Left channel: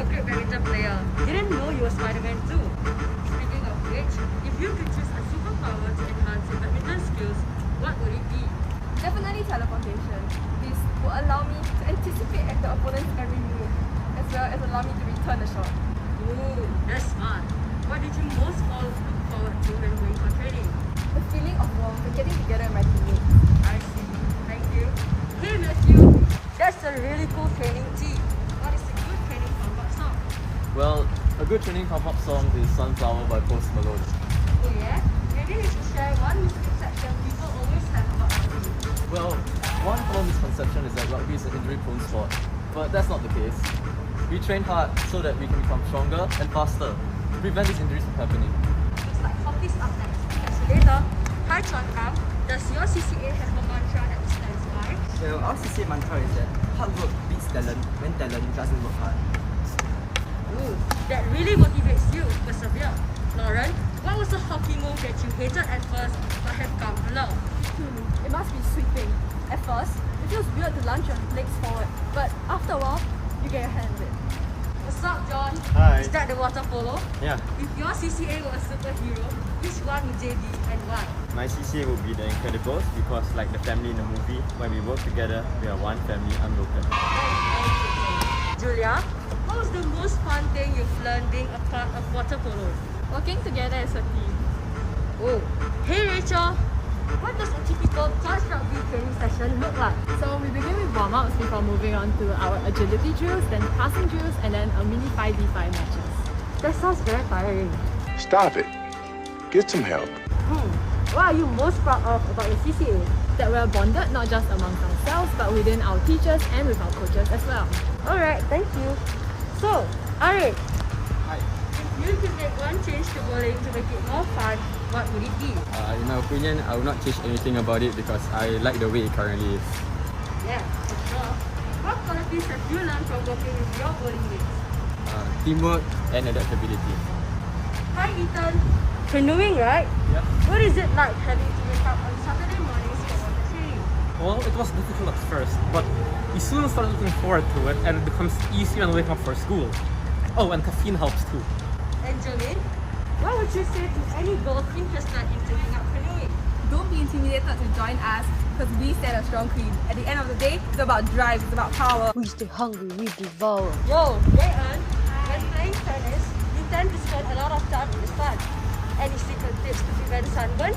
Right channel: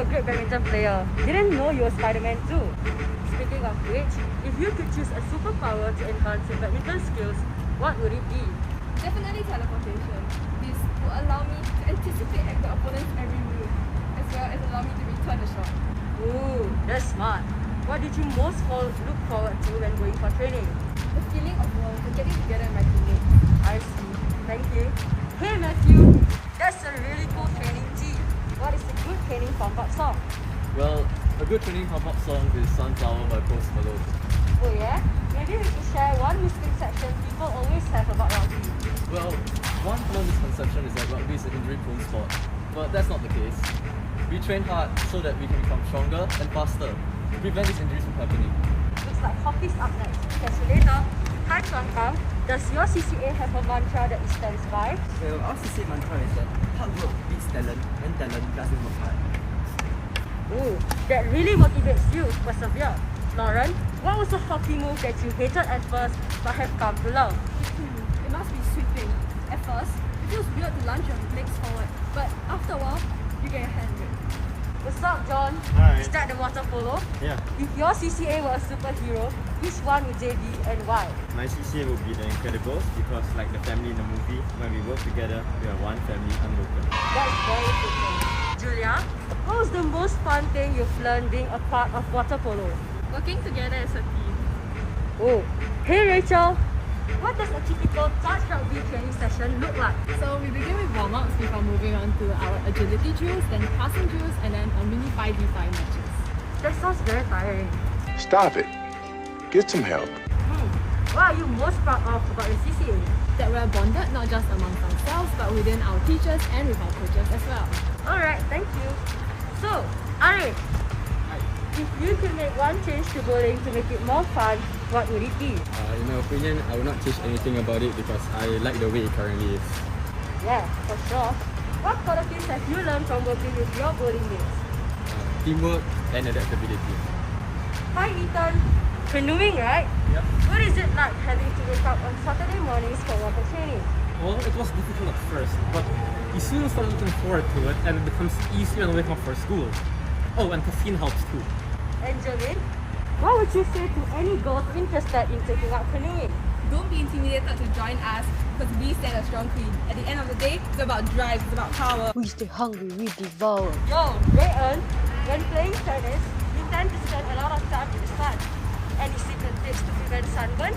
a great badminton player. Didn't know you were Spider-Man too. Speaking of which, if you could choose a superpower to enhance your badminton skills, what would it be? Definitely teleportation. This will allow me to anticipate the opponent's every move, as well as allow me to return the shot. Ooh, that's smart. What did you most look forward to when going for training? The feeling of warmth of getting together with my teammates. I see. Thank you. Hey Matthew, that's a really cool training tee. What is a good training pump-up song? Well, a good training pump-up song is Sunflower by Post Malone. Oh yeah? Maybe we should share one misconception people always have about rugby. Well, one common misconception is that rugby is an injury-prone sport, but that's not the case. We train hard so that we can become stronger and faster to prevent these injuries from happening. Looks like hockey's up next. Catch you later. Hi Chuan, does your CCA have a mantra that stands by? Well, our CCA mantra is that hard work beats talent when talent doesn't work hard. Ooh, that really motivates you to persevere. Lauren, what was a hockey move that you hated at first but have come to love? It must be sweeping. At first, it feels weird to launch your legs forward, but after a while, you get your hand in it. What's up, John? Hi. Is that the water polo? Yeah, If your CCA was a superhero, which one would they be and why? my CCA would be the Incredibles because, like the family in the movie, when we work together, we are one family unbroken. That is very fitting. Julia, what was the most fun thing you've learned being a part of water polo? Working together as a team. Oh, hey Rachel, what does a typical touch rugby training session look like? So we begin with warm-ups before moving on to our agility drills, then passing drills, and then a mini 5v5 matches. That sounds very tiring. Stop it. Get some help. What are you most proud of about your CCA? That we're bonded not just amongst ourselves, but within our teachers and with our coaches as well. Alright, thank you. So, Arik, if you could make one change to bowling to make it more fun, what would it be? In my opinion, I will not change anything about it because I like the way it currently is. Yeah, of course. What qualities have you learned from working with your bowling mates? Teamwork and adaptability. Hi Ethan, canoeing right? Yep. What is it like having to wake up on Saturday mornings for water training? Well, it was difficult at first, but you soon start looking forward to it and it becomes easier when waking up for school. Oh, and caffeine helps too. And Jolene, what would you say to any girl interested in taking up canoeing? Don't be intimidated to join us because we stand a strong team. At the end of the day, it's about drive, it's about power. We stay hungry, we devour. Yo, Rayan, when playing tennis, you tend to spend a lot of time in the sun. Any secret tips to prevent sunburn?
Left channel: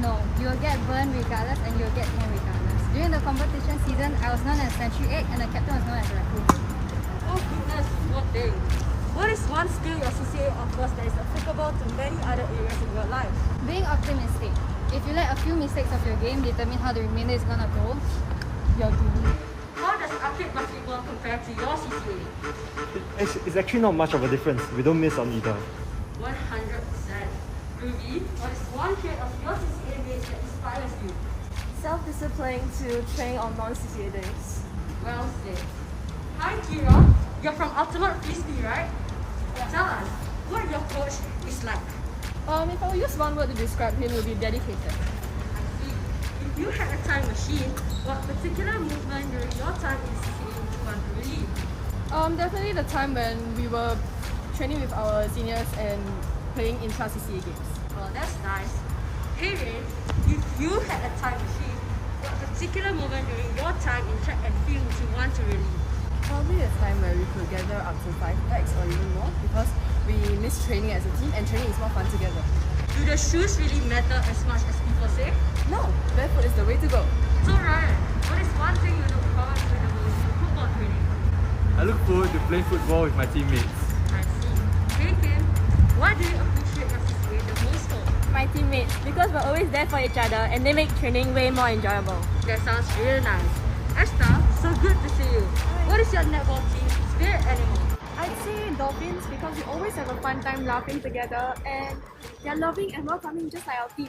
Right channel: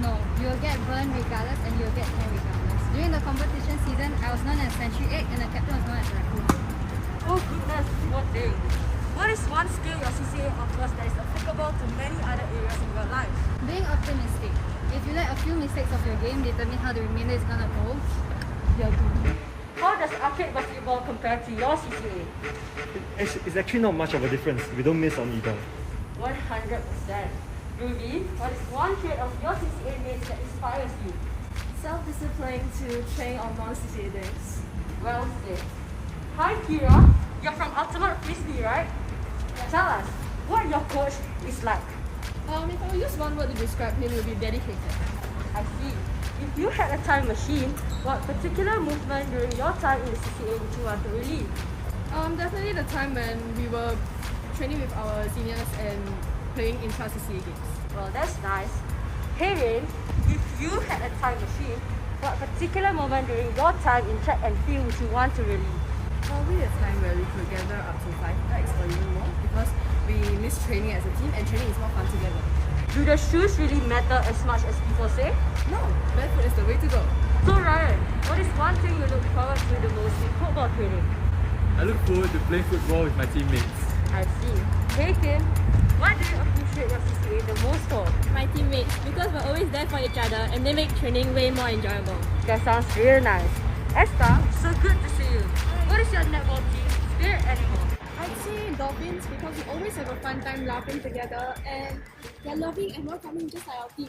No. You'll get burned regardless and you'll get tan regardless. During the competition season, I was known as Century Egg and the captain was known as Raccoon. Oh goodness, what day? What is one skill your CCA offers that is applicable to many other areas in your life? Being optimistic. If you let a few mistakes of your game determine how the remainder is gonna go, you're doomed. How does arcade basketball compare to your CCA? It's actually not much of a difference. We don't miss on either. 100%. Ruby, what is one trait of your CCA mates that inspires you? Self-discipline to train on non-CCA days. Well said. Hi Kira, you're from Ultimate Frisbee, right? Tell us, what your coach is like. If I would use one word to describe him, it would be dedicated. I see. If you had a time machine, what particular movement during your time in CCA would you want to relive? Definitely the time when we were training with our seniors and playing intra-CCA games. Well, that's nice. Hey Rain, if you had a time machine, what particular moment during your time in track and field would you want to relive? Probably a time where we could gather up to 5x or even more because we miss training as a team and training is more fun together. Do the shoes really matter as much as people say? No, barefoot is the way to go. So Ryan, what is one thing you look forward to the most in football training? I look forward to playing football with my teammates. I see. Hey Kim, what do you appreciate your CCA the most for? My teammates, because we're always there for each other and they make training way more enjoyable. That sounds really nice. Asta, so good to see you. What is your netball team spirit animal? I'd say dolphins because we always have a fun time laughing together and they're loving and welcoming just like our team.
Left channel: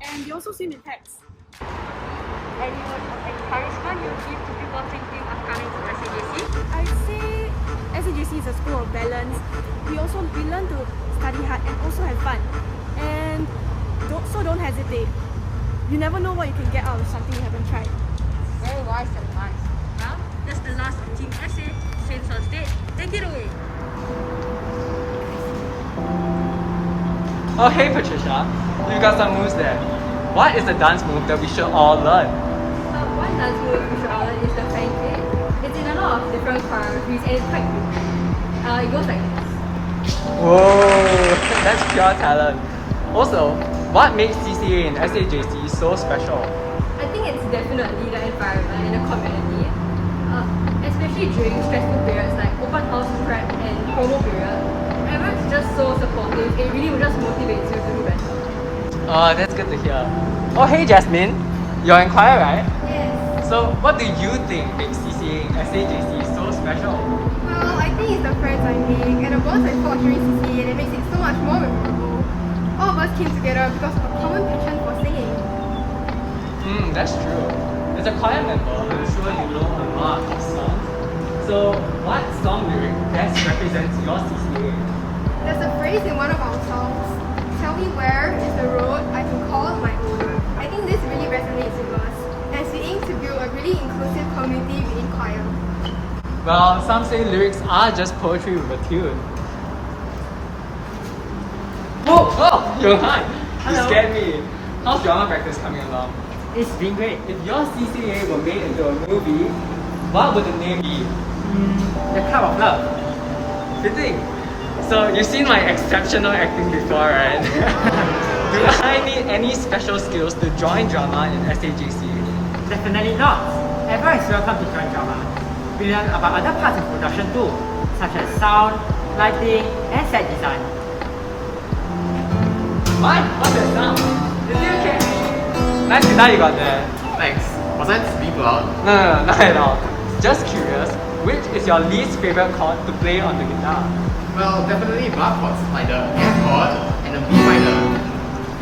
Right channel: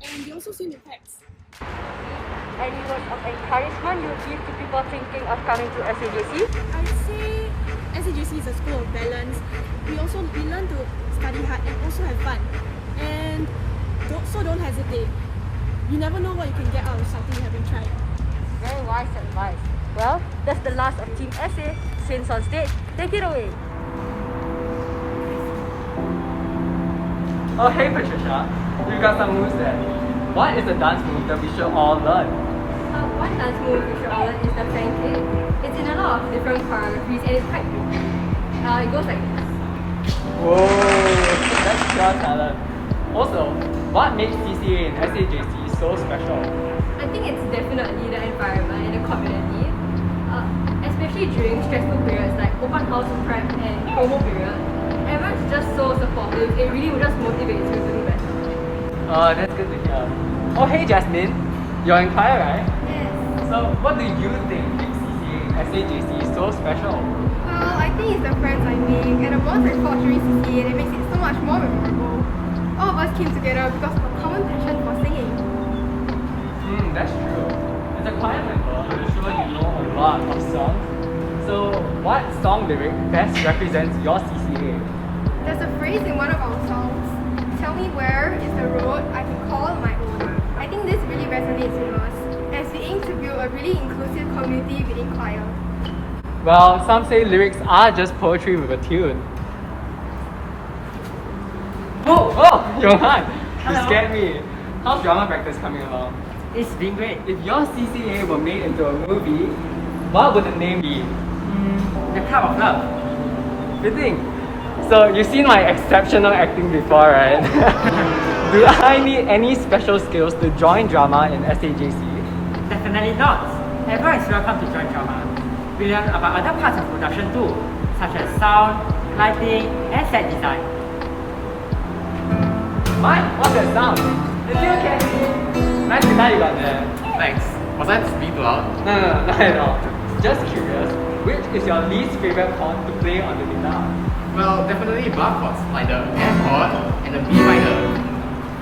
And they also swim in packs. Any words of encouragement you give to people thinking of coming to SAJC? I'd say SAJC is a school of balance. We learn to study hard and also have fun. And don't hesitate. You never know what you can get out of something you haven't tried. Very wise advice. Well, That's the last of Team SA. Since on stage, take it away. Oh hey Patricia, you got some moves there. What is the dance move that we should all learn? One dance move we should all learn is the pancake. It's in a lot of different choreographies and it's quite pretty. It goes like this. Whoa, that's pure talent. Also, what makes CCA and SAJC so special? I think it's definitely the environment and the community. Especially during stressful periods like open house prep and promo period. Everyone's just so supportive. It really just motivates you to do better. Oh, that's good to hear. Oh hey Jasmine, you're in choir, right? Yes. So what do you think makes CCA and SAJC so special? Well, I think it's the friends I make and the bonds I forge during CCA that makes it so much more memorable. All of us came together because of a common passion for singing. That's true. As a choir member, I'm sure you know a lot of songs. So what song lyric best represents your CCA? There's a phrase in one of our songs, "Tell me where is the road I can call my own." I think this really resonates with us as we aim to build a really inclusive community within choir. Well, some say lyrics are just poetry with a tune. Whoa, Johan! You scared me. How's drama practice coming along? It's been great. If your CCA were made into a movie, what would the name be? The Club of Love. Fitting. So you've seen my exceptional acting before, right? Did I need any special skills to join drama in SAJC? Definitely not. Everyone is welcome to join drama. We learn about other parts of production too, such as sound, lighting, and set design. Mike, what's that sound? Is it okay? Nice to know you got there. Thanks. Was I being too loud? No, not at all. Just curious, which is your least favorite chord to play on the guitar? Well, definitely bar chords, like the F chord and the B minor.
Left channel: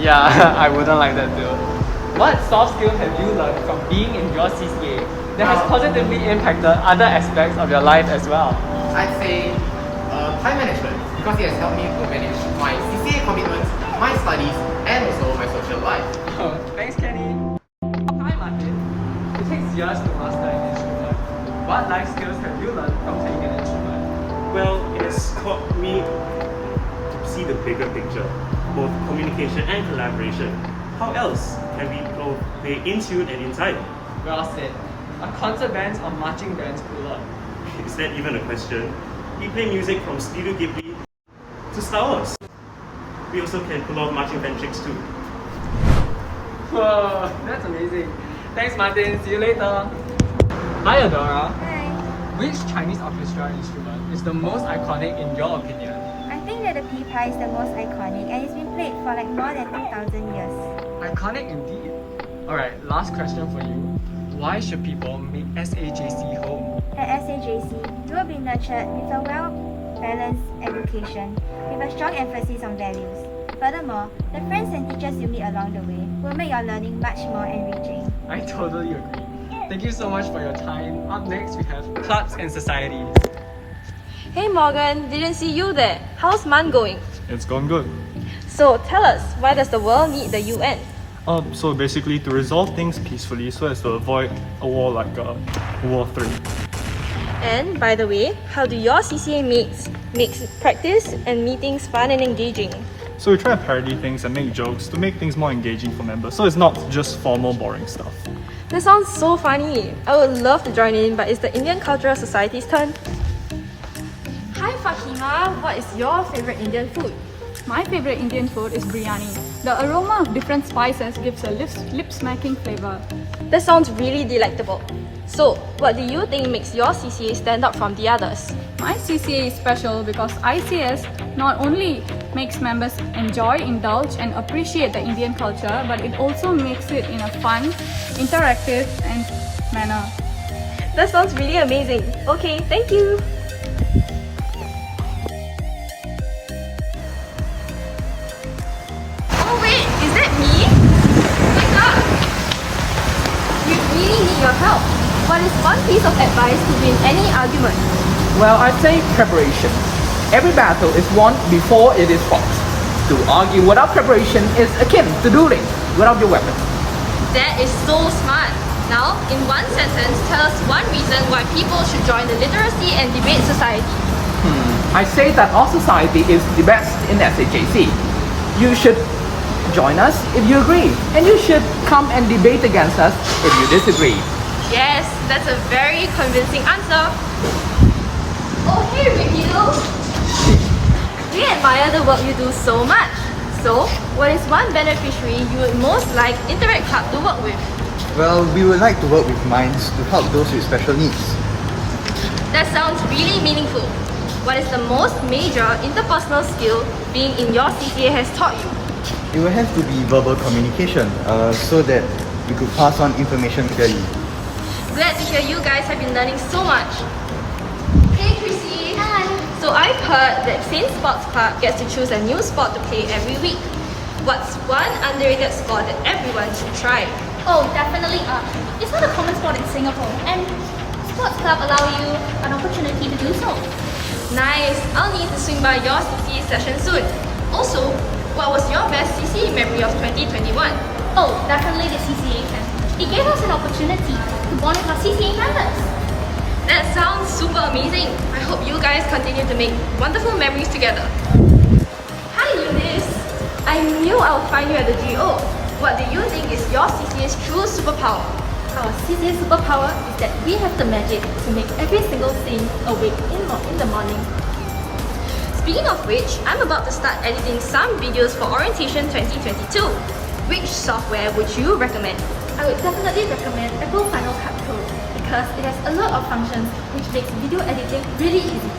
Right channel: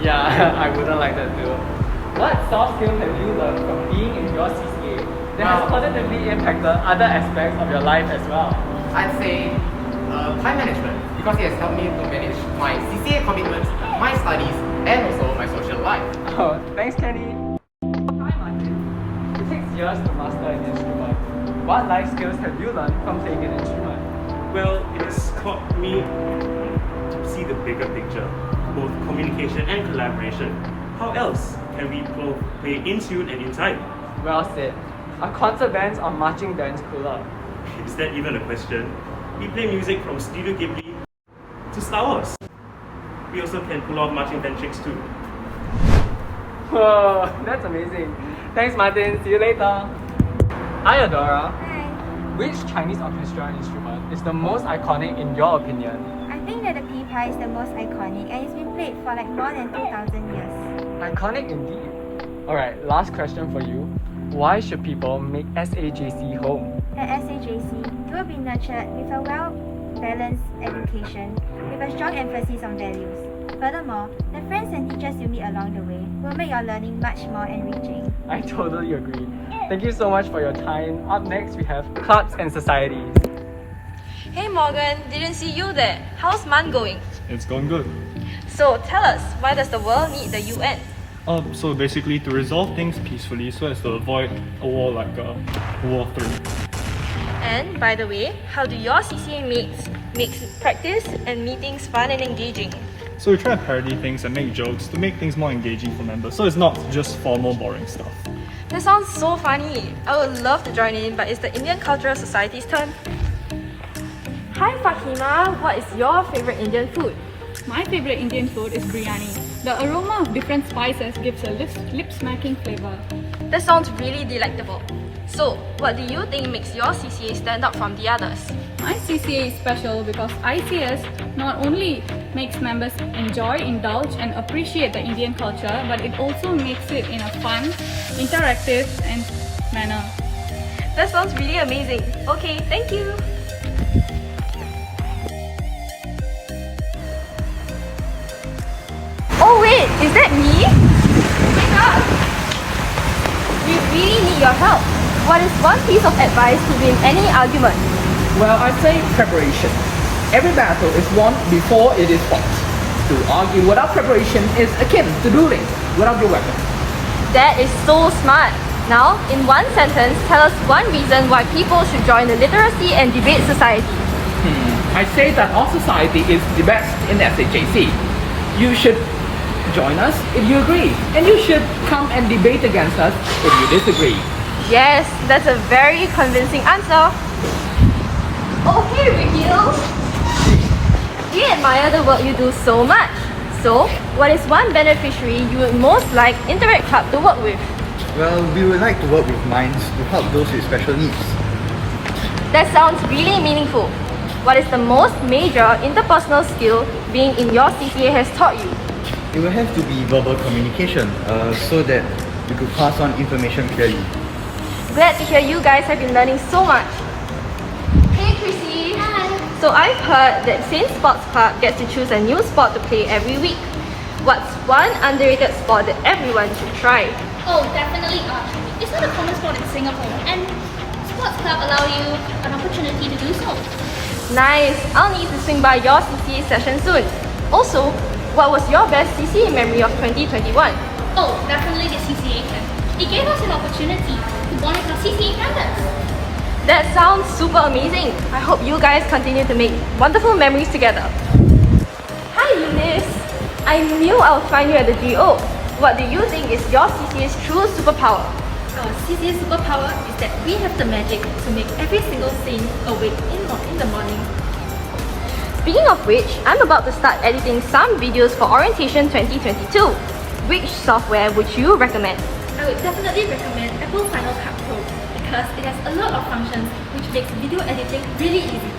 Yeah, I wouldn't like that too. What soft skills have you learned from being in your CCA that has positively impacted other aspects of your life as well? I'd say time management, because it has helped me to manage my CCA commitments, my studies, and also my social life. Oh, thanks, Kenny. Hi, Martin. It takes years to master an instrument. What life skills have you learned from playing an instrument? Well, it has taught me to see the bigger picture, both communication and collaboration. How else can we play in tune and in time? Well said. Are concert bands or marching bands cooler? Is that even a question? We play music from Studio Ghibli to Star Wars. We also can pull off marching band tricks too. Whoa, that's amazing. Thanks, Martin. See you later. Hi, Adora. Hi. Which Chinese orchestra instrument is the most iconic in your opinion? I think that the pipa is the most iconic and it's been played for like more than 2,000 years. Iconic indeed. Alright, last question for you. Why should people make SAJC home? At SAJC, you will be nurtured with a well-balanced education with a strong emphasis on values. Furthermore, the friends and teachers you meet along the way will make your learning much more enriching. I totally agree. Thank you so much for your time. Up next, we have Clubs and Society. Hey Morgan, didn't see you there. How's MAN going? It's gone good. So tell us, why does the world need the UN? So basically to resolve things peacefully so as to avoid a war like War 3. And by the way, how do your CCA makes practice and meetings fun and engaging? So we try to parody things and make jokes to make things more engaging for members, so it's not just formal boring stuff. This sounds so funny. I would love to join in, but it's the Indian Cultural Society's turn. Hi Fahima, what is your favorite Indian food? My favorite Indian food is biryani. The aroma of different spices gives a lip-smacking flavor. That sounds really delectable. So, what do you think makes your CCA stand out from the others? My CCA is special because ICS not only makes members enjoy, indulge and appreciate the Indian culture, but it also makes it in a fun, interactive and manner. That sounds really amazing. Okay, thank you. Oh wait, is that me? We really need your help. What is one piece of advice to win any argument? Well, I'd say preparation. Every battle is won before it is fought. To argue without preparation is akin to dueling without your weapon. That is so smart. Now, in one sentence, tell us one reason why people should join the Literacy and Debate Society. I say that our society is the best in SAJC. You should join us if you agree, and you should come and debate against us if you disagree. Yes, that's a very convincing answer. Oh, hey, Raheel! We admire the work you do so much. So, what is one beneficiary you would most like Interact Club to work with? Well, we would like to work with Minds to help those with special needs. That sounds really meaningful. What is the most major interpersonal skill being in your CCA has taught you? It will have to be verbal communication so that we could pass on information clearly. Glad to hear you guys have been learning so much. Hey Chrissy! Hi! So I've heard that Saint Sports Club gets to choose a new sport to play every week. What's one underrated sport that everyone should try? Oh, definitely archery. It's not a common sport in Singapore, and sports club allow you an opportunity to do so. Nice! I'll need to swing by your CCA session soon. Also, what was your best CCA memory of 2021? Oh, definitely the CCA camp. It gave us an opportunity to bond with our CCA members. That sounds super amazing. I hope you guys continue to make wonderful memories together. Hi Eunice! I knew I would find you at the GO. What do you think is your CCA's true superpower? Our CCA superpower is that we have the magic to make every single thing awake in the morning. Speaking of which, I'm about to start editing some videos for Orientation 2022. Which software would you recommend? I would definitely recommend Apple Final Cut Pro because it has a lot of functions which makes video editing really easy.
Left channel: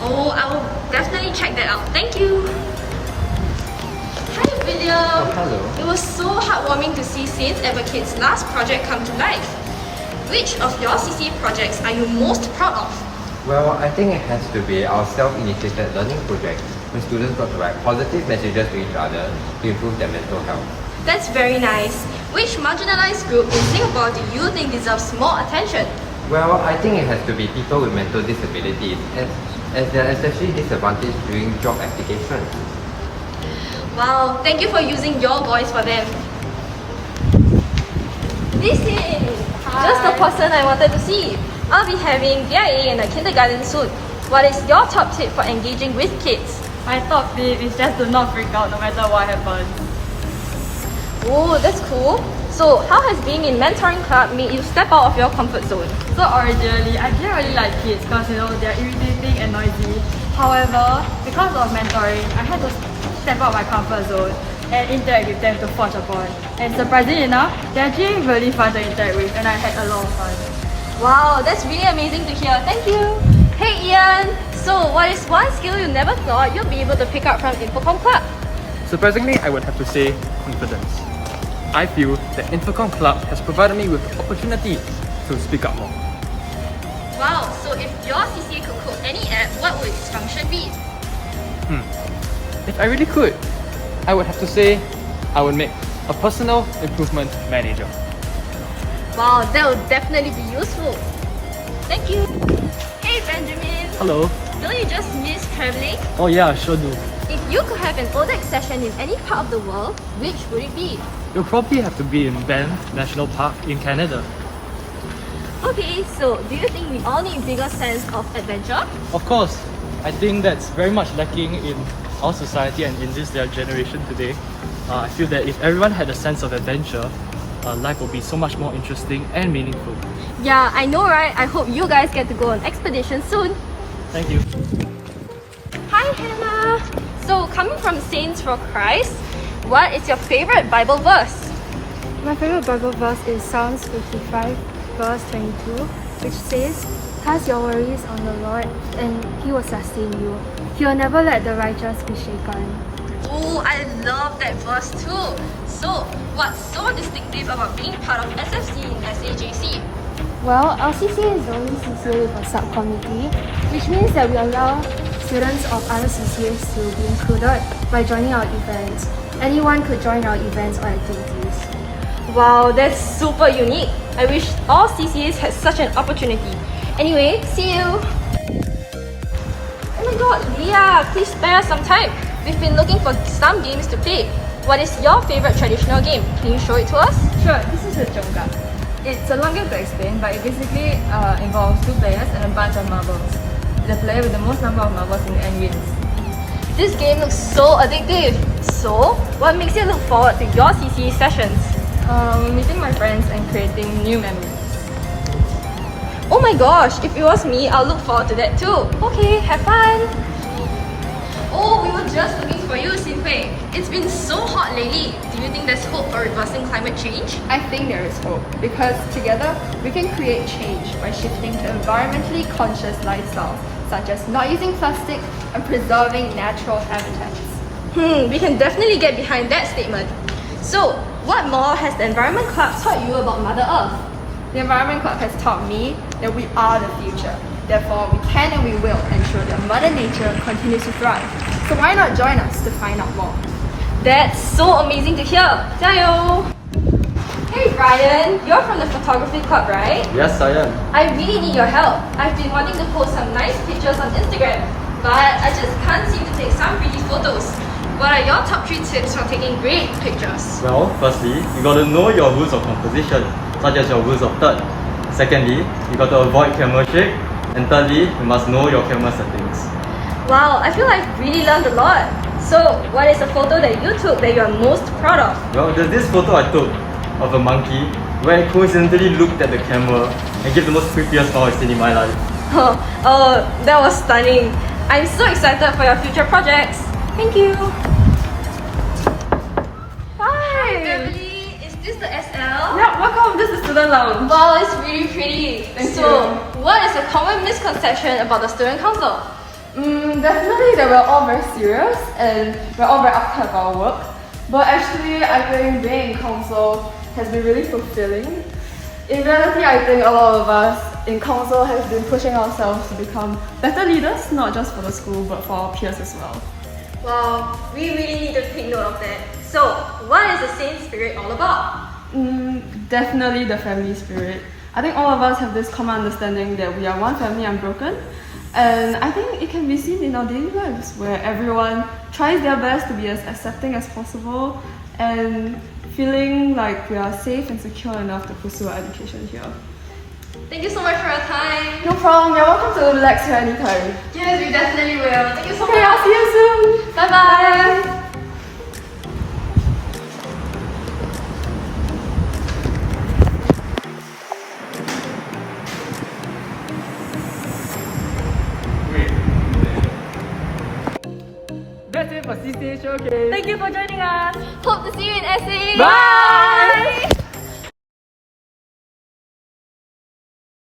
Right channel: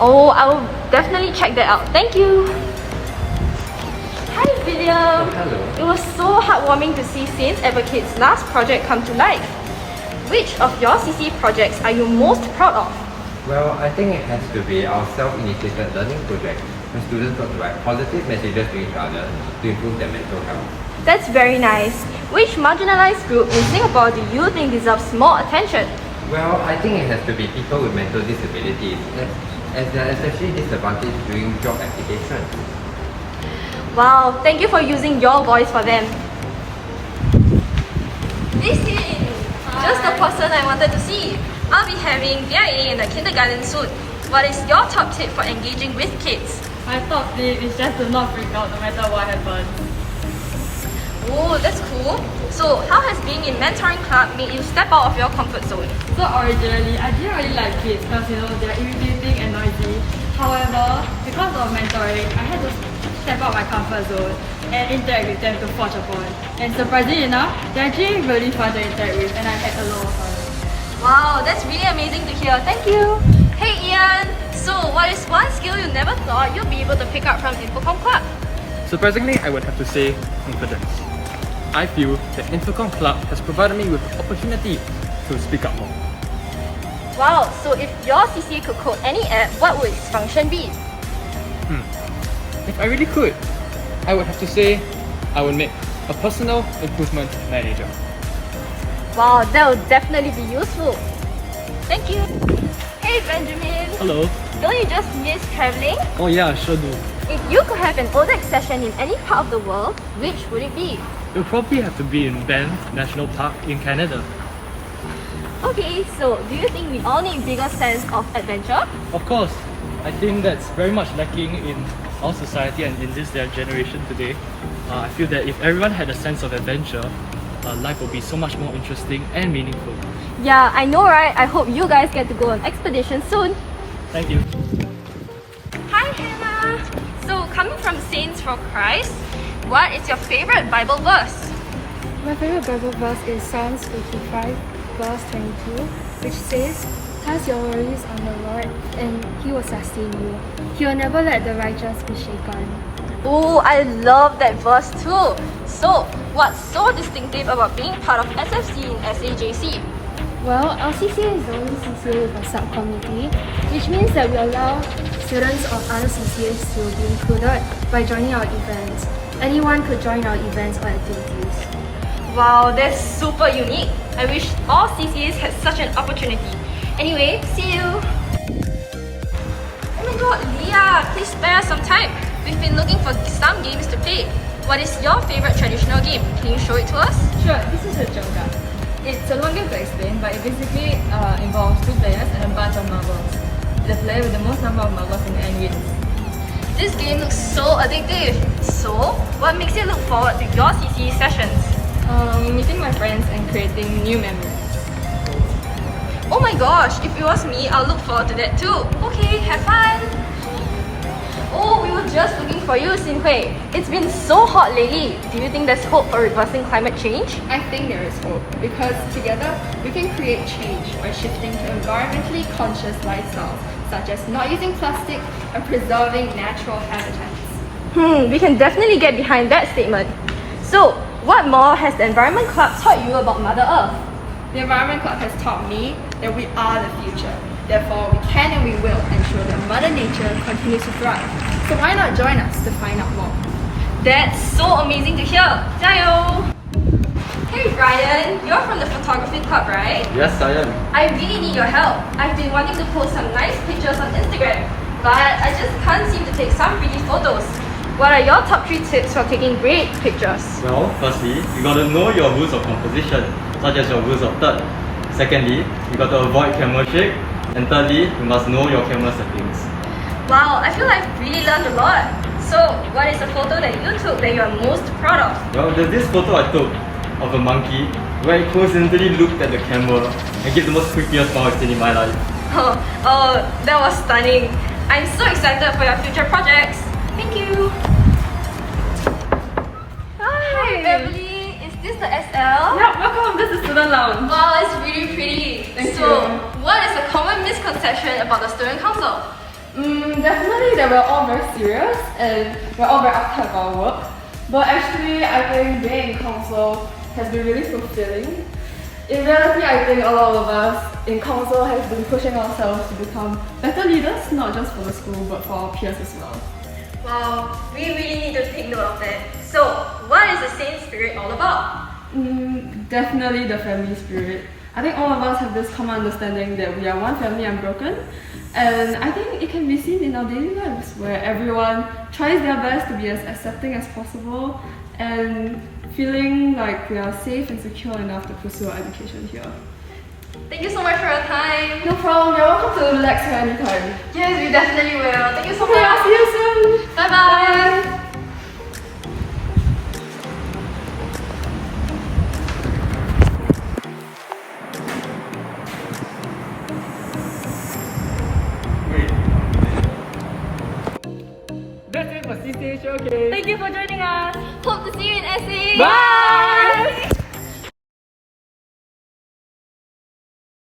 Oh, I will definitely check that out. Thank you! Hi Video! Oh, hello. It was so heartwarming to see Saint Advocate's last project come to life. Which of your CCA projects are you most proud of? Well, I think it has to be our self-initiated learning project, where students got to write positive messages to each other to improve their mental health. That's very nice. Which marginalized group in Singapore do you think deserves more attention? Well, I think it has to be people with mental disabilities, as they are especially disadvantaged during job application. Wow, thank you for using your voice for them. Listen, just the person I wanted to see. I'll be having VIA in the kindergarten soon. What is your top tip for engaging with kids? My top tip is just to not freak out no matter what happens. Oh, that's cool. So, how has being in mentoring club made you step out of your comfort zone? So originally, I didn't really like kids because they're irritating and noisy. However, because of mentoring, I had to step out my comfort zone and interact with them to forge a bond. And surprisingly enough, they're actually really fun to interact with and I had a lot of fun. Wow, that's really amazing to hear. Thank you. Hey Ian, so what is one skill you never thought you'd be able to pick up from Infocom Club? Surprisingly, I would have to say confidence. I feel that Infocom Club has provided me with the opportunity to speak up more. Wow, so if your CCA could code any app, what would its function be? If I really could, I would have to say I would make a personal improvement manager. Wow, that would definitely be useful. Thank you. Hey Benjamin. Hello. Don't you just miss traveling? Oh yeah, sure do. If you could have an ODAC session in any part of the world, which would it be? You'll probably have to be in Banff National Park in Canada. Okay, so do you think we all need bigger sense of adventure? Of course, I think that's very much lacking in our society and in this generation today. I feel that if everyone had a sense of adventure, life will be so much more interesting and meaningful. Yeah, I know, right? I hope you guys get to go on expedition soon. Thank you. Hi Hannah! So coming from Saints for Christ, what is your favorite Bible verse? My favorite Bible verse is Psalms 55 verse 22, which says, "Cast your worries on the Lord and He will sustain you. He will never let the righteous be shaken." Oh, I love that verse too. So, what's so distinctive about being part of SFC in SAJC? Well, our CCA is the only CCA with a subcommittee, which means that we allow students of other CCAs to be included by joining our events. Anyone could join our events or activities. Wow, that's super unique. I wish all CCAs had such an opportunity. Anyway, see you! Oh my god, Leah, please spare us some time. We've been looking for some games to play. What is your favorite traditional game? Can you show it to us? Sure, this is a Jenga. It's a long game to explain, but it basically involves 2 players and a bunch of marbles. The player with the most number of marbles in the end wins. This game looks so addictive. So, what makes you look forward to your CCA sessions? Meeting my friends and creating new memories. Oh my gosh, if it was me, I'll look forward to that too. Okay, have fun! Oh, we were just looking for you, Xin-Hui. It's been so hot lately. Do you think there's hope for reversing climate change? I think there is hope because together we can create change by shifting to environmentally conscious lifestyles such as not using plastic and preserving natural habitats. We can definitely get behind that statement. So, what more has the Environment Club taught you about Mother Earth? The Environment Club has taught me that we are the future. Therefore, we can and we will ensure that Mother Nature continues to thrive. So why not join us to find out more? That's so amazing to hear! 加油! Hey Ryan, you're from the photography club, right? Yes, I am. I really need your help. I've been wanting to post some nice pictures on Instagram, but I just can't seem to take some pretty photos. What are your top 3 tips for taking great pictures? Well, firstly, you got to know your rules of composition, such as your rules of third. Secondly, you got to avoid camera shake. And thirdly, you must know your camera settings. Wow, I feel I've really learned a lot. So, what is a photo that you took that you are most proud of? Well, there's this photo I took of a monkey where it coincidentally looked at the camera and gave the most creepiest smile I've seen in my life. Oh, that was stunning. I'm so excited for your future projects. Thank you. Hi! Emily, is this the SL? Yeah, welcome. This is Student Lounge. Wow, it's really pretty. Thank so, you. what is a common misconception about the Student Council? Definitely that we're all very serious and we're all very uptight about our work. But actually, I think being in council has been really fulfilling. In reality, I think a lot of us in council has been pushing ourselves to become better leaders, not just for the school, but for our peers as well. Wow, we really need to take note of that. So, what is the same spirit all about? Definitely the family spirit. I think all of us have this common understanding that we are one family unbroken. And I think it can be seen in our daily lives where everyone tries their best to be as accepting as possible and feeling like we are safe and secure enough to pursue our education here. Thank you so much for your time. No problem, you're welcome to relax here anytime. Yes, we definitely will. Thank you so much. Okay, I'll see you soon. Bye-bye. That's it for CCA Showcase. Thank you for joining us. Hope to see you in SA. Bye!